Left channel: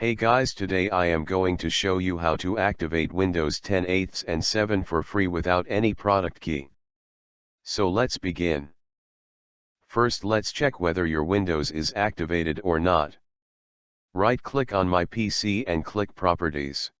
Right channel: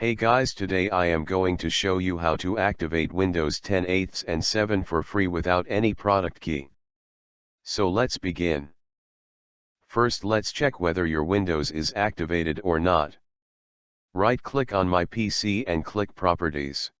Hey guys, today I am going to show you how to activate Windows 10 8 and 7 for free without any product key. So let's begin. First let's check whether your Windows is activated or not. Right click on my PC and click Properties.